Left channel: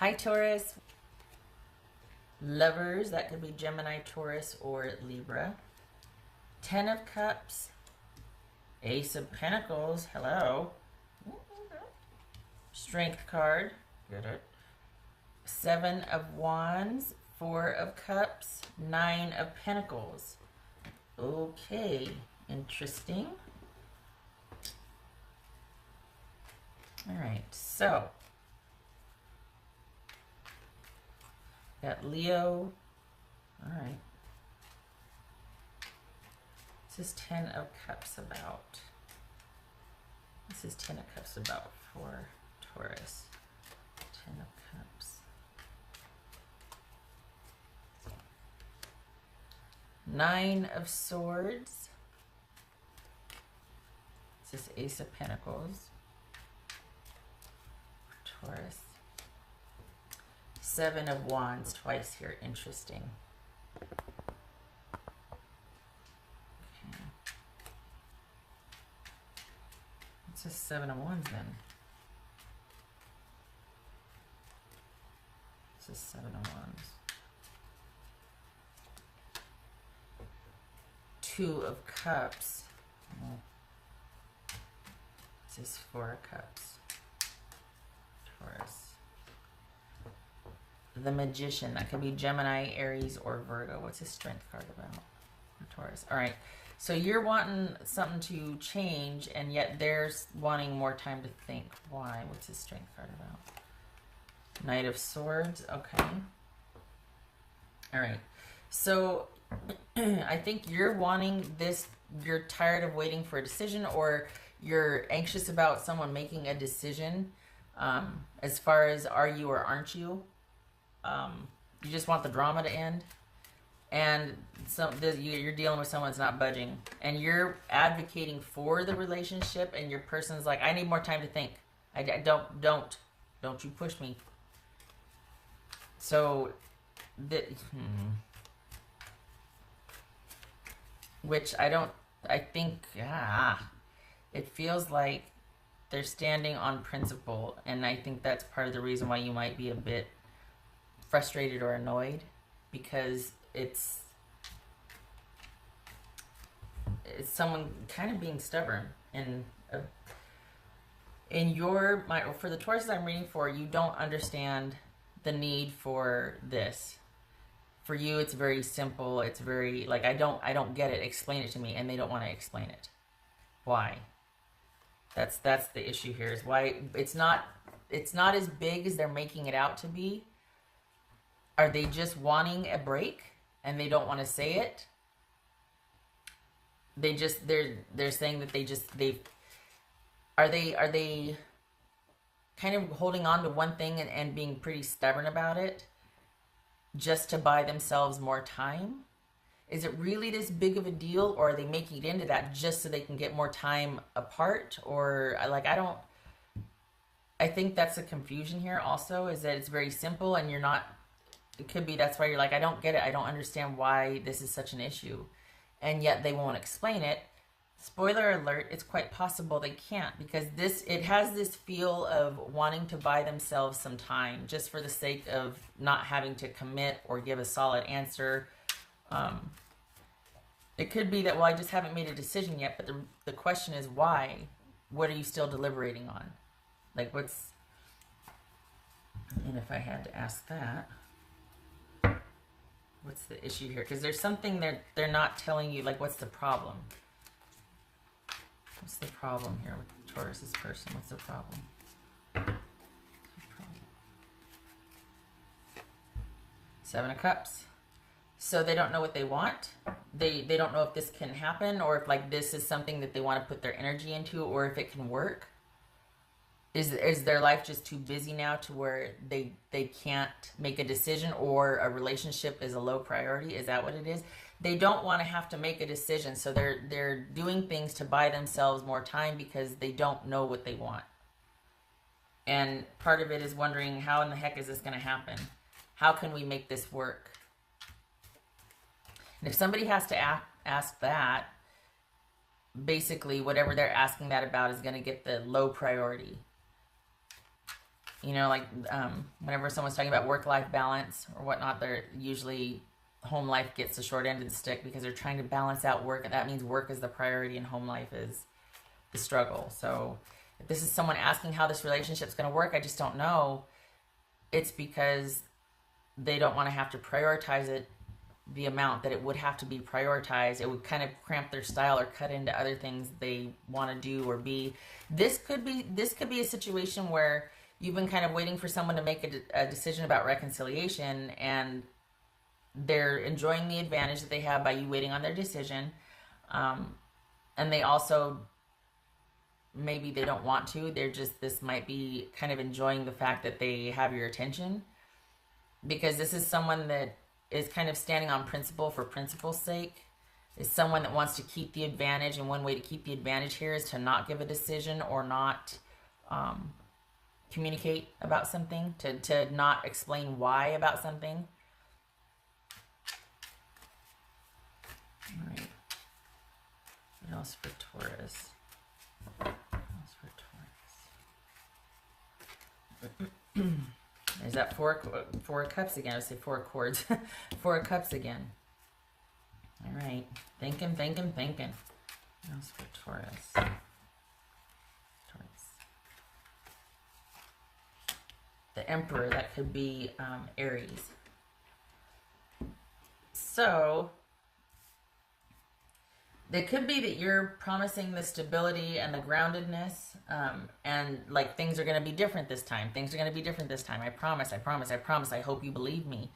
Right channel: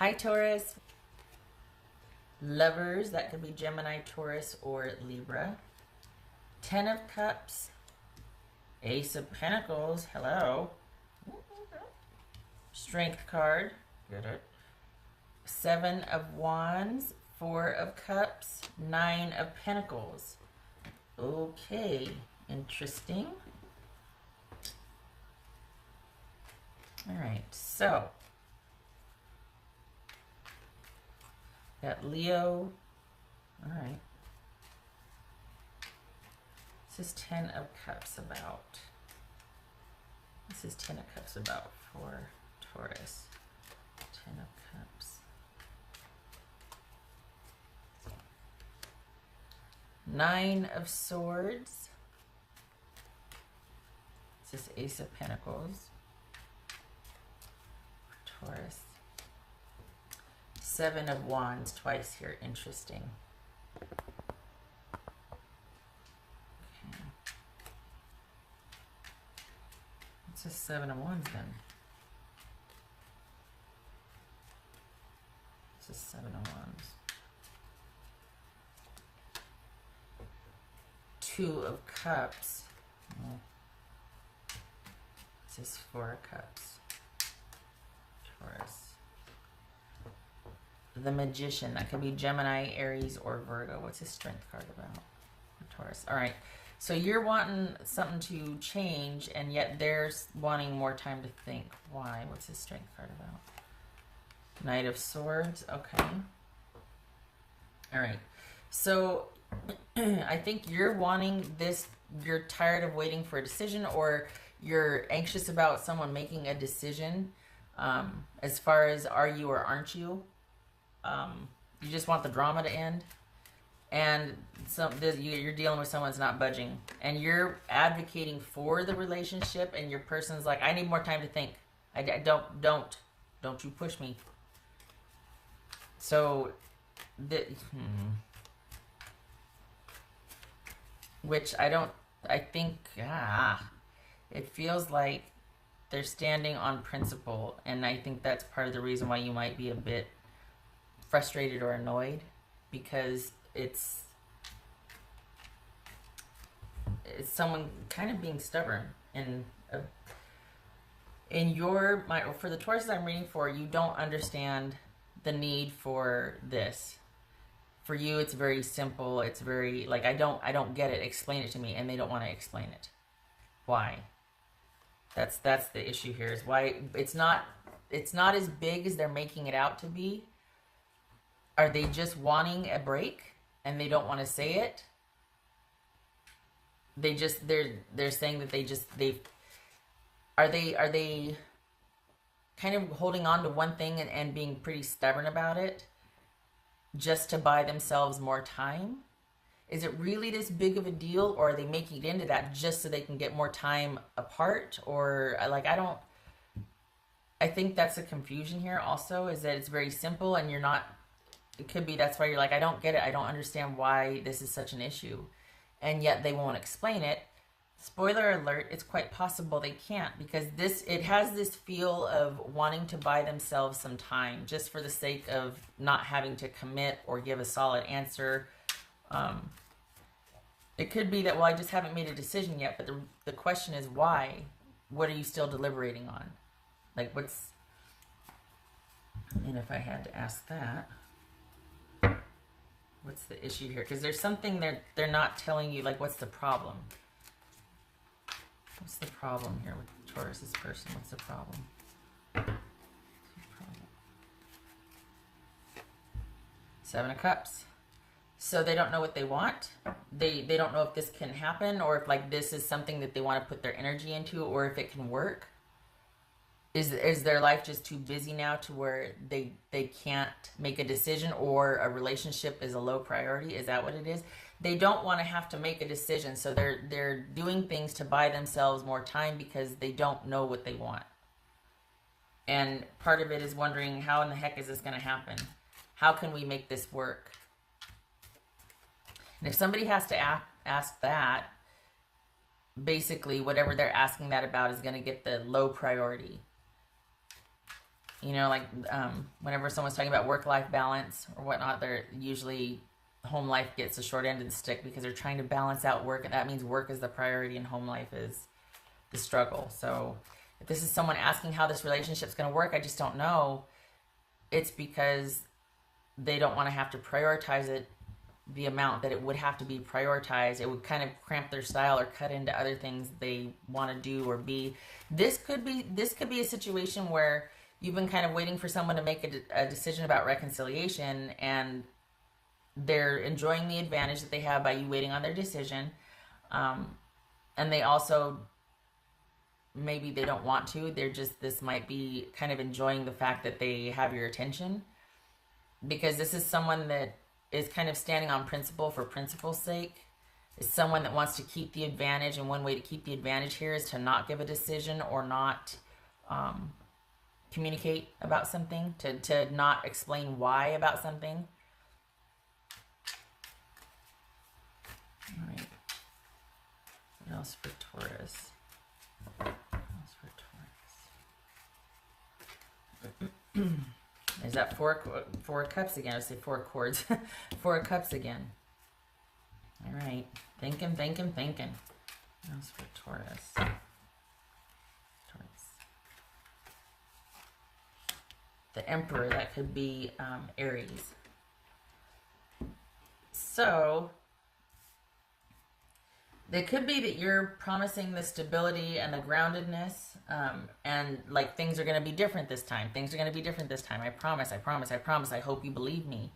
Hi, Taurus. Lovers, that could be Gemini, Taurus, or Libra. 10 of Cups. Ace of Pentacles. Hello. Strength card. Get it. 7 of Wands. 4 of Cups. 9 of Pentacles. Okay. Interesting. Alright, so at Leo, alright. This is 10 of Cups about. This is 10 of Cups about for Taurus. 10 of Cups. 9 of Swords. This is Ace of Pentacles. Taurus. 7 of Wands twice here. Interesting. It's just 7 of Wands then. This is 7 of Wands. 2 of Cups. This is 4 of Cups. The Magician. That could be Gemini, Aries, or Virgo. What's his strength card about for Taurus? Alright. So you're wanting something to change, and yet they're wanting more time to think. Why? What's his strength card about? Knight of Swords. Okay. Alright. So I think you're wanting this. You're tired of waiting for a decision, or you're anxious about someone making a decision. As far as are you or aren't you? You just want the drama to end, and so you're dealing with someone that's not budging, and you're advocating for the relationship, and your person's like, I need more time to think. Don't you push me. So, which I think, it feels like they're standing on principle, and I think that's part of the reason why you might be a bit frustrated or annoyed, because it's someone kind of being stubborn. For the Tauruses I'm reading for, you don't understand the need for this. For you, it's very simple. It's very like, I don't get it. Explain it to me, and they don't want to explain it. Why? That's the issue here, is why it's not as big as they're making it out to be. Are they just wanting a break and they don't want to say it? They're saying that are they kind of holding on to one thing and being pretty stubborn about it just to buy themselves more time? Is it really this big of a deal, or are they making it into that just so they can get more time apart? Or like, I think that's a confusion here also, is that it's very simple and you're not. It could be that's why you're like, I don't get it. I don't understand why this is such an issue. And yet they won't explain it. Spoiler alert, it's quite possible they can't, because it has this feel of wanting to buy themselves some time just for the sake of not having to commit or give a solid answer. It could be that, well, I just haven't made a decision yet, but the question is why? What are you still deliberating on? Like, and if I had to ask that, what's the issue here? Because there's something that they're not telling you, like, what's the problem? What's the problem here with Taurus's person? What's the problem? 7 of Cups. So they don't know what they want. They don't know if this can happen, or if like this is something that they want to put their energy into, or if it can work. Is their life just too busy now to where they can't make a decision, or a relationship is a low priority? Is that what it is? They don't want to have to make a decision, so they're doing things to buy themselves more time because they don't know what they want. And part of it is wondering, how in the heck is this going to happen? How can we make this work? And if somebody has to ask that, basically whatever they're asking that about is going to get the low priority. You know, like whenever someone's talking about work-life balance or whatnot, they're usually home life gets the short end of the stick because they're trying to balance out work, and that means work is the priority and home life is the struggle. So if this is someone asking how this relationship's going to work, I just don't know. It's because they don't want to have to prioritize it the amount that it would have to be prioritized. It would kind of cramp their style or cut into other things they want to do or be. This could be a situation where you've been kind of waiting for someone to make a decision about reconciliation, and they're enjoying the advantage that they have by you waiting on their decision. And they also, maybe they don't want to. They're just, this might be kind of enjoying the fact that they have your attention, because this is someone that is kind of standing on principle for principle's sake. It's someone that wants to keep the advantage, and one way to keep the advantage here is to not give a decision or not communicate about something, to not explain why about something. All right. What else for Taurus? What else for Taurus? Is that four cups again? I say four chords. Four cups again. All right. Thinking. What else for Taurus? The Emperor, that could be Aries. So it could be that you're promising the stability and the groundedness, and like things are going to be different this time. Things are going to be different this time. I promise. I hope you believe me.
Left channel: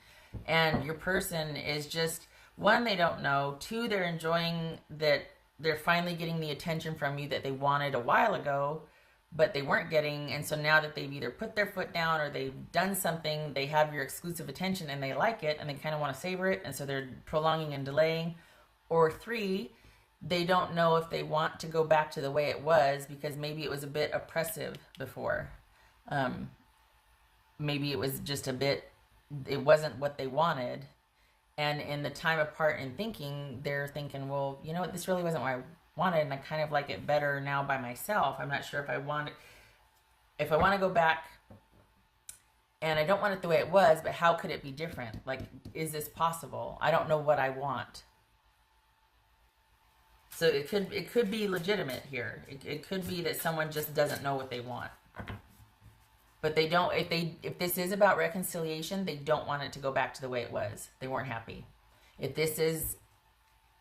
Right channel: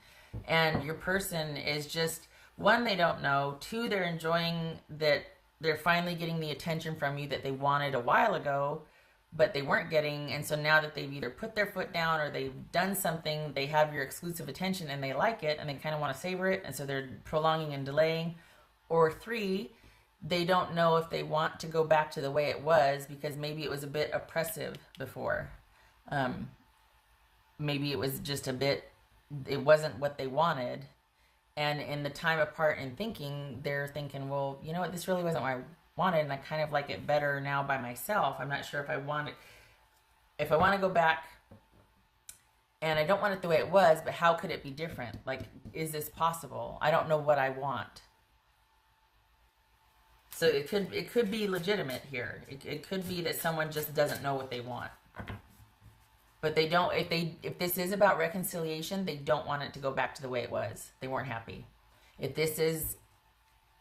And your person is just, one, they don't know. Two, they're enjoying that they're finally getting the attention from you that they wanted a while ago, but they weren't getting. And so now that they've either put their foot down or they've done something, they have your exclusive attention and they like it and they kind of want to savor it. And so they're prolonging and delaying. Or three, they don't know if they want to go back to the way it was because maybe it was a bit oppressive before. Maybe it was just a bit, it wasn't what they wanted. And in the time apart in thinking, they're thinking, well, you know what, this really wasn't what I wanted, and I kind of like it better now by myself. I'm not sure if I want it, if I want to go back, and I don't want it the way it was, but how could it be different? Like, is this possible? I don't know what I want. So it could be legitimate here. It could be that someone just doesn't know what they want. But they don't, if this is about reconciliation, they don't want it to go back to the way it was. They weren't happy. If this is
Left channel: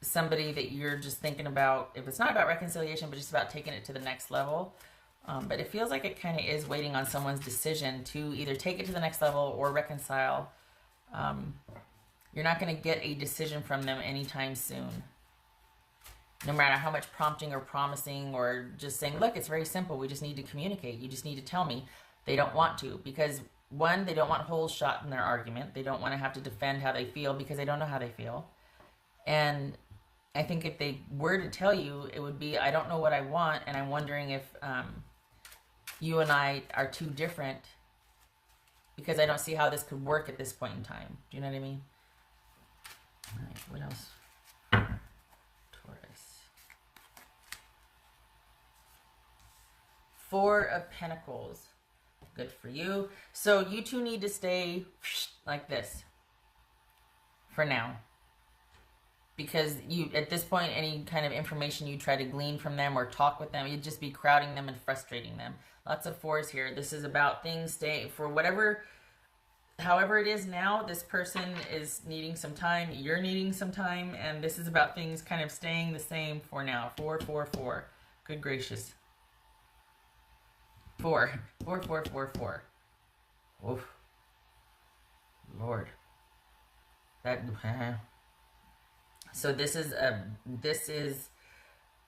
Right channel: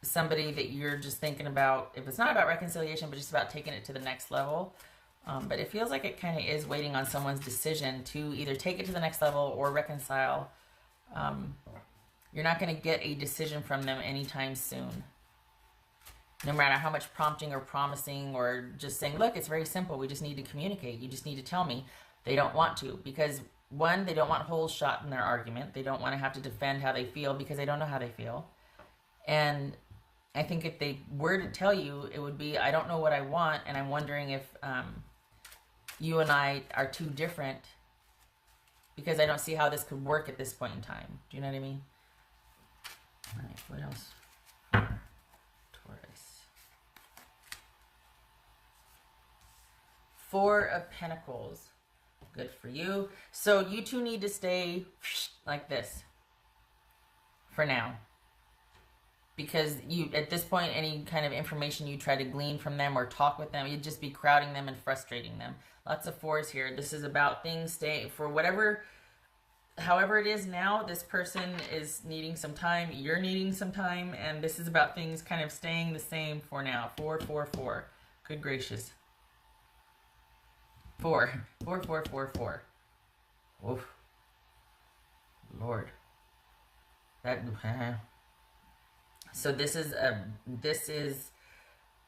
somebody that you're just thinking about, if it's not about reconciliation, but just about taking it to the next level, but it feels like it kind of is waiting on someone's decision to either take it to the next level or reconcile. You're not going to get a decision from them anytime soon. No matter how much prompting or promising or just saying, look, it's very simple. We just need to communicate. You just need to tell me. They don't want to, because one, they don't want holes shot in their argument. They don't want to have to defend how they feel because they don't know how they feel. And I think if they were to tell you, it would be, I don't know what I want, and I'm wondering if you and I are too different because I don't see how this could work at this point in time. Do you know what I mean? All right, what else? Taurus. Four of Pentacles. Good for you. So you two need to stay like this for now. Because you, at this point, any kind of information you try to glean from them or talk with them, you'd just be crowding them and frustrating them. Lots of fours here. This is about things staying for whatever, however it is now. This person is needing some time. You're needing some time. And this is about things kind of staying the same for now. 4, 4, 4. Good gracious. 4. 4, 4, 4, 4. Oof. Lord. That, so this is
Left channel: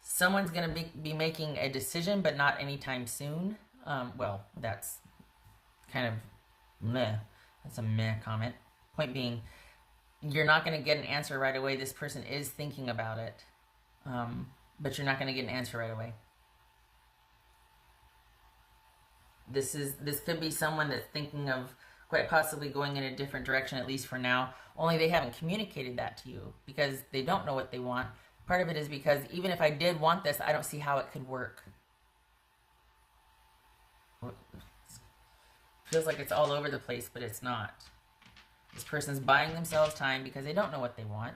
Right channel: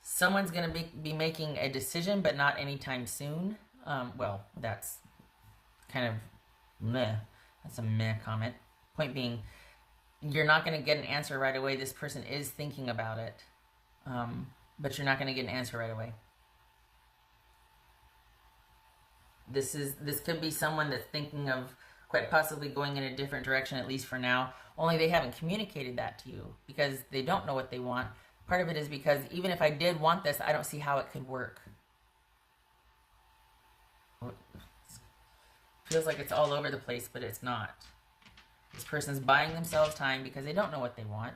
someone's going to be making a decision, but not anytime soon. Well, that's kind of meh. That's a meh comment. Point being, you're not going to get an answer right away. This person is thinking about it, but you're not going to get an answer right away. This could be someone that's thinking of quite possibly going in a different direction, at least for now. Only they haven't communicated that to you because they don't know what they want. Part of it is because even if I did want this, I don't see how it could work. feels like it's all over the place, but it's not. This person's buying themselves time because they don't know what they want.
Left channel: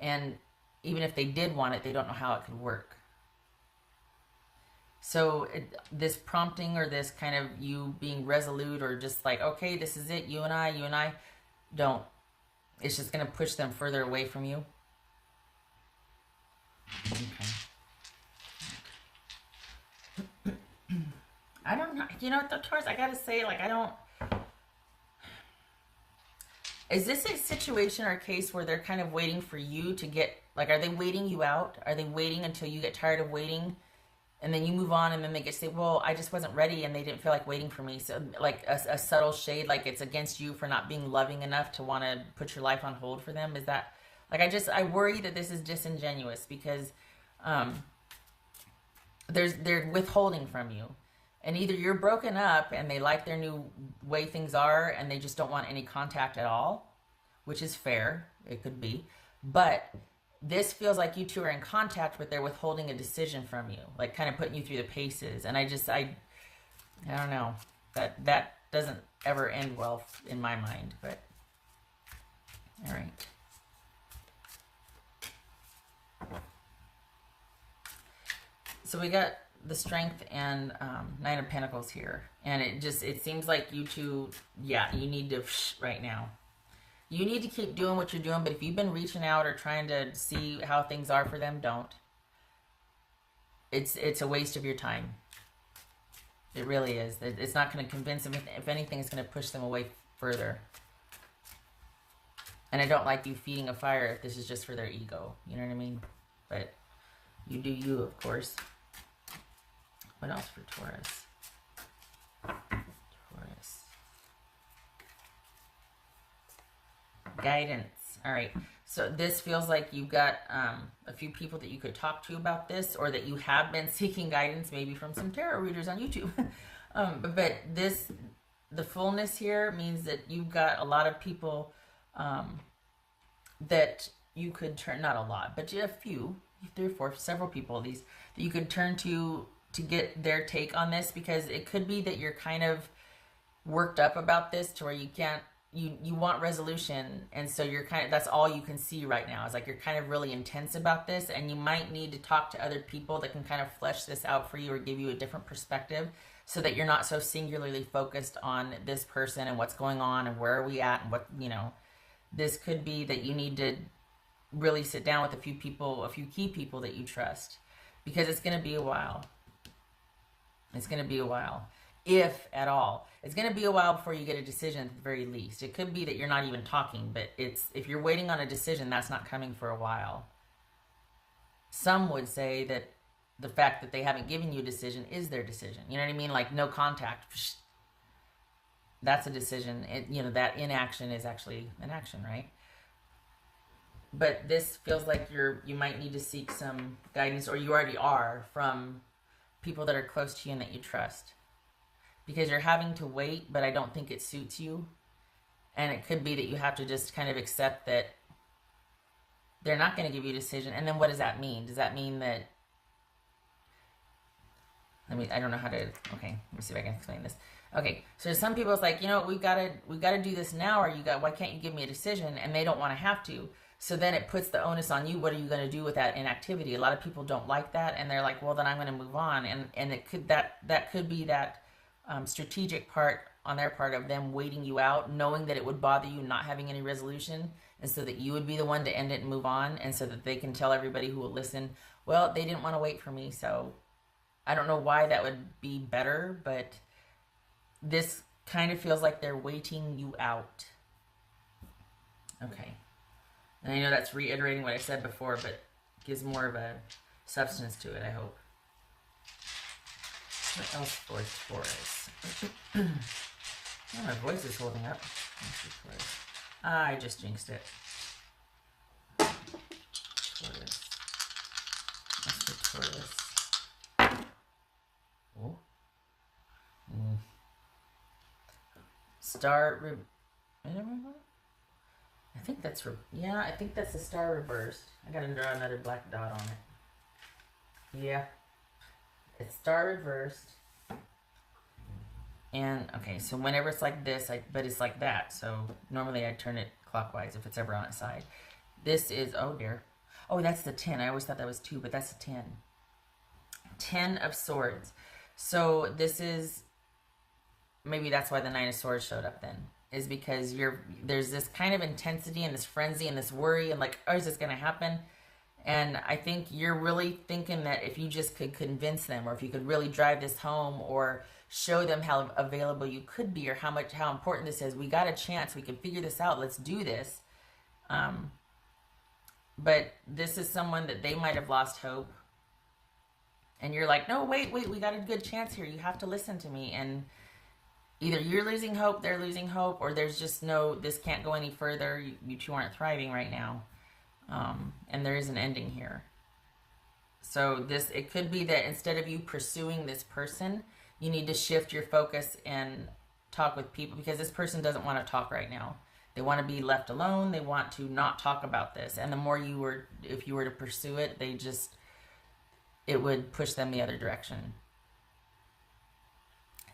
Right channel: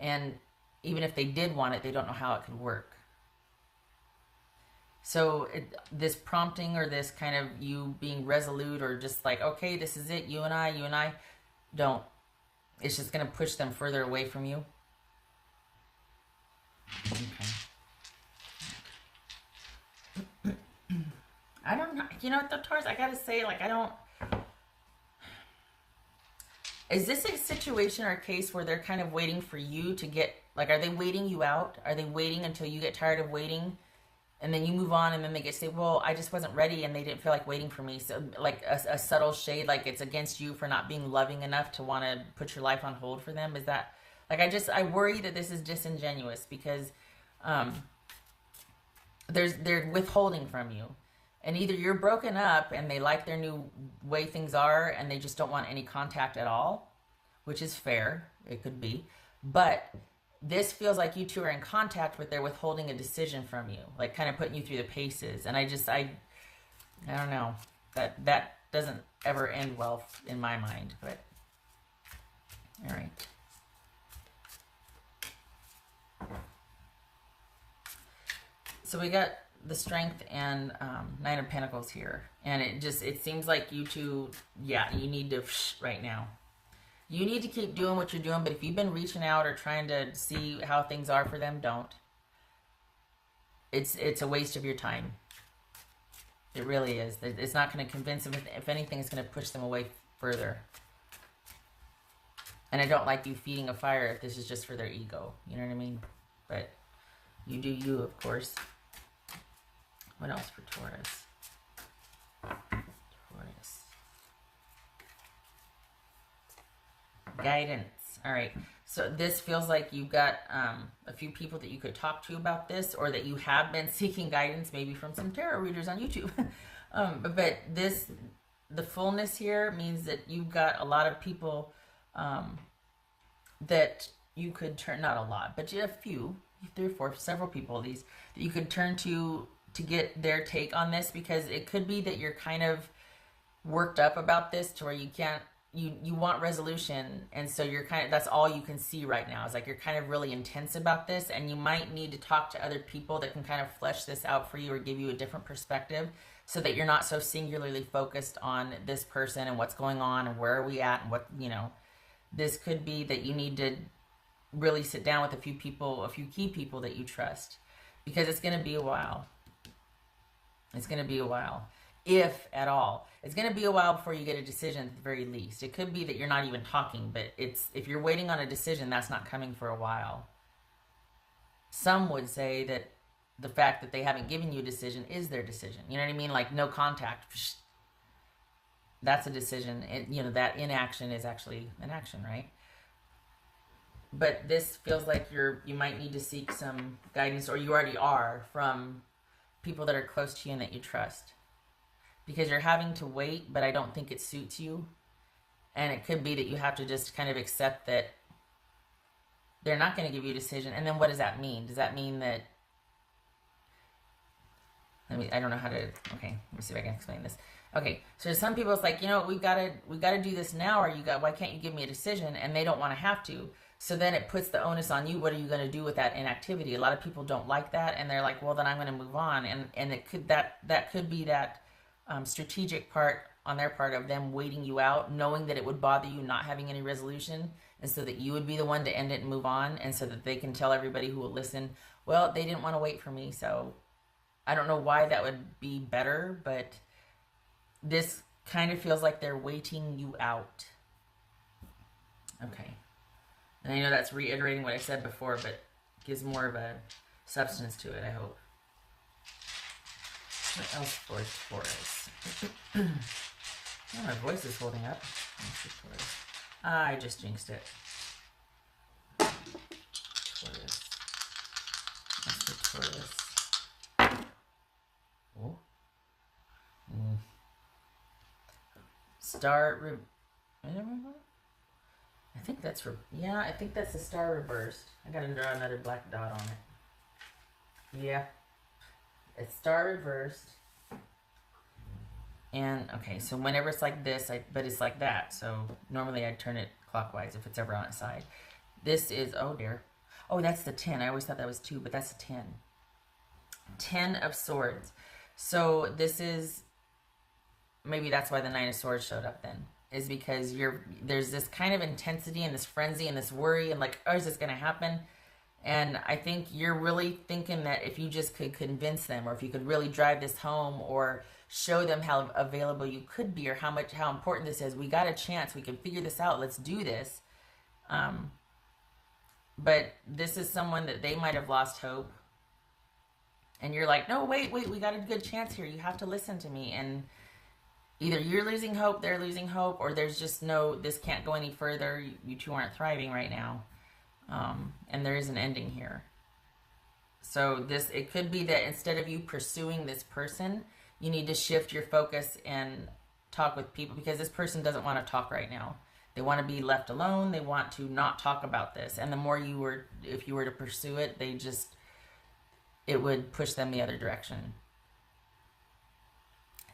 And even if they did want it, they don't know how it could work. So this prompting, or this kind of you being resolute, or just like, okay, this is it, you and I, don't. It's just going to push them further away from you. Okay. I don't know. You know what, the Taurus, I got to say, like, I don't... Is this a situation or a case where they're kind of waiting for you to get... Like, are they waiting you out? Are they waiting until you get tired of waiting? And then you move on, and then they just say, well, I just wasn't ready, and they didn't feel like waiting for me. So, like, a subtle shade, like it's against you for not being loving enough to want to put your life on hold for them. Is that... Like, I worry that this is disingenuous, because they're withholding from you. And either you're broken up and they like their new way things are and they just don't want any contact at all, which is fair. It could be. But this feels like you two are in contact, but they're withholding a decision from you. Like, kind of putting you through the paces. And I don't know. That doesn't ever end well in my mind. But, all right. So we got the Strength and Nine of Pentacles here. And it seems like you two, yeah, you need to, right now. You need to keep doing what you're doing, but if you've been reaching out or trying to see how things are for them, don't. It's a waste of your time. It really is. It's not going to convince them. If anything, it's going to push them away further. And I don't like you feeding a fire if this is just for their ego. You know what I mean? But you do you, of course. What else for Taurus? Guidance. All right. So this feels like you've got a few people that you could talk to about this, or that you have been seeking guidance, maybe from some tarot readers on YouTube. But the fullness here means that you've got a lot of people that you could turn, not a lot, but you have a few, 3 or 4, several people of these, that you could turn to get their take on this, because it could be that you're kind of worked up about this to where you can't, you want resolution, and so you're kind of, that's all you can see right now. It's like you're kind of really intense about this, and you might need to talk to other people that can kind of flesh this out for you, or give you a different perspective, so that you're not so singularly focused on this person and what's going on and where are we at and what, you know. This could be that you need to really sit down with a few people, a few key people that you trust, because it's going to be a while. It's going to be a while, if at all. It's going to be a while before you get a decision at the very least. It could be that you're not even talking, but if you're waiting on a decision, that's not coming for a while. Some would say that the fact that they haven't given you a decision is their decision. You know what I mean? Like, no contact. That's a decision. You know, that inaction is actually an action, right? But this feels like you might need to seek some guidance, or you already are, from people that are close to you and that you trust. Because you're having to wait, but I don't think it suits you. And it could be that you have to just kind of accept that they're not going to give you a decision. And then what does that mean? Does that mean that... I don't know how to... Okay, let me see if I can explain this. Okay, so some people, it's like, you know, we've got to do this now, or why can't you give me a decision? And they don't want to have to. So then it puts the onus on you. What are you going to do with that inactivity? A lot of people don't like that, and they're like, well, then I'm going to move on. And it could, that could be that strategic part on their part of them waiting you out, knowing that it would bother you not having any resolution, and so that you would be the one to end it and move on, and so that they can tell everybody who will listen, well, they didn't want to wait for me. So I don't know why that would be better, but this kind of feels like they're waiting you out. Okay. And I know that's reiterating what I said before, but gives more of a substance to it, I hope. What else for this? Oh, my voice is holding up. I just jinxed it. Oh. Star. I think that's, yeah, I think that's the star reversed. I gotta draw another black dot on it. Yeah. It's star reversed. And, okay, so whenever it's like this, but it's like that. So normally I turn it clockwise if it's ever on its side. This is, oh dear. Oh, that's the 10. I always thought that was 2, but that's the 10. 10 of Swords. So this is, maybe that's why the 9 of Swords showed up then. Is because there's this kind of intensity and this frenzy and this worry and like, oh, is this going to happen? And I think you're really thinking that if you just could convince them, or if you could really drive this home, or show them how available you could be, or how important this is. We got a chance. We can figure this out. Let's do this. But this is someone that they might have lost hope. And you're like, no, wait, we got a good chance here. You have to listen to me. And either you're losing hope, they're losing hope, or there's just no, this can't go any further. You two aren't thriving right now. And there is an ending here. So it could be that instead of you pursuing this person, you need to shift your focus and talk with people, because this person doesn't want to talk right now. They want to be left alone. They want to not talk about this. And the more if you were to pursue it, it would push them the other direction.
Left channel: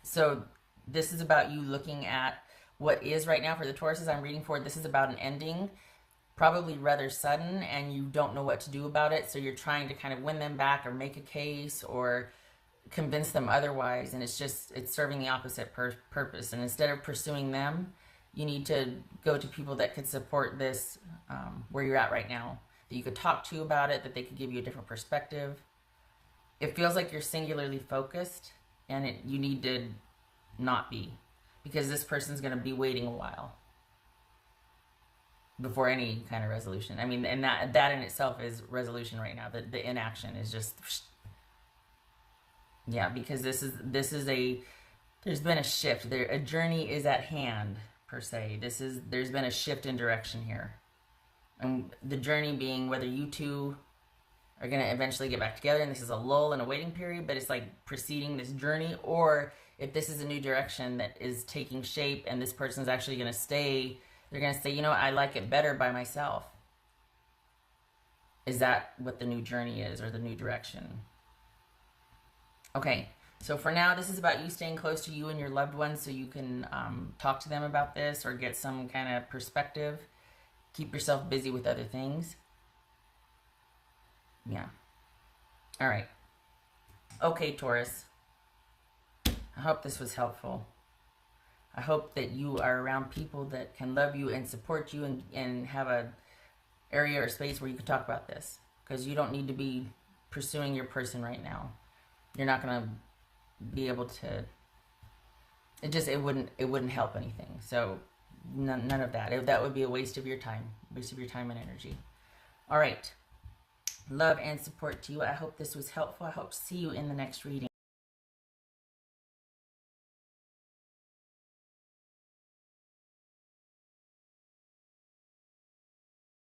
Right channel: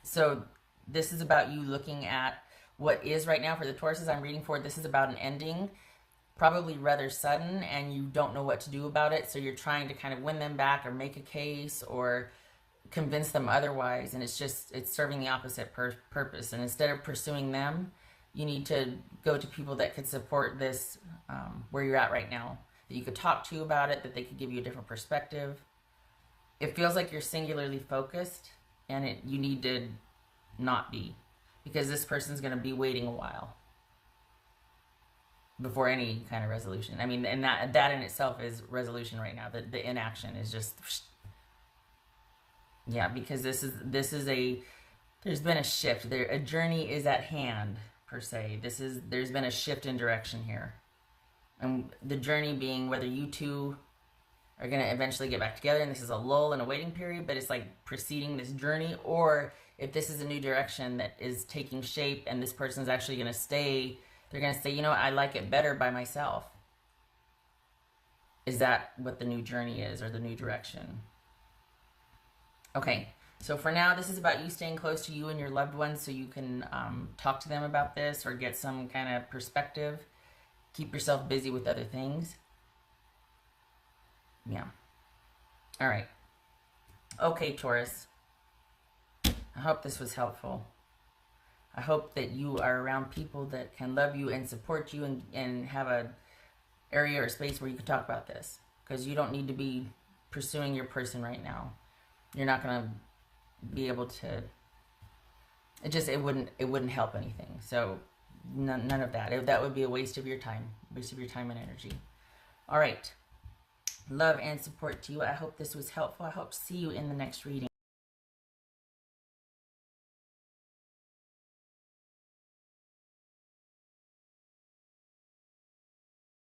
So this is about you looking at what is right now for the Tauruses I'm reading for. This is about an ending, probably rather sudden, and you don't know what to do about it. So you're trying to kind of win them back, or make a case, or convince them otherwise. And it's serving the opposite purpose. And instead of pursuing them, you need to go to people that can support this, where you're at right now, that you could talk to about it, that they could give you a different perspective. It feels like you're singularly focused, and you need to not be, because this person's going to be waiting a while before any kind of resolution. I mean, and that in itself is resolution right now. The inaction is just, yeah, because there's been a shift there. A journey is at hand, per se. There's been a shift in direction here. And the journey being whether you two are going to eventually get back together, and this is a lull and a waiting period, but it's like preceding this journey, or if this is a new direction that is taking shape and this person's actually going to stay, they're going to say, you know, I like it better by myself. Is that what the new journey is, or the new direction? Okay, so for now, this is about you staying close to you and your loved ones, so you can talk to them about this, or get some kind of perspective. Keep yourself busy with other things. Yeah. All right. Okay, Taurus. I hope this was helpful. I hope that you are around people that can love you and support you, and have a area or space where you can talk about this, because you don't need to be pursuing your person right now. You're not going to be able to. It wouldn't help anything. So none of that. That would be a waste of your time. Waste of your time and energy. All right. Love and support to you. I hope this was helpful. I hope to see you in the next reading.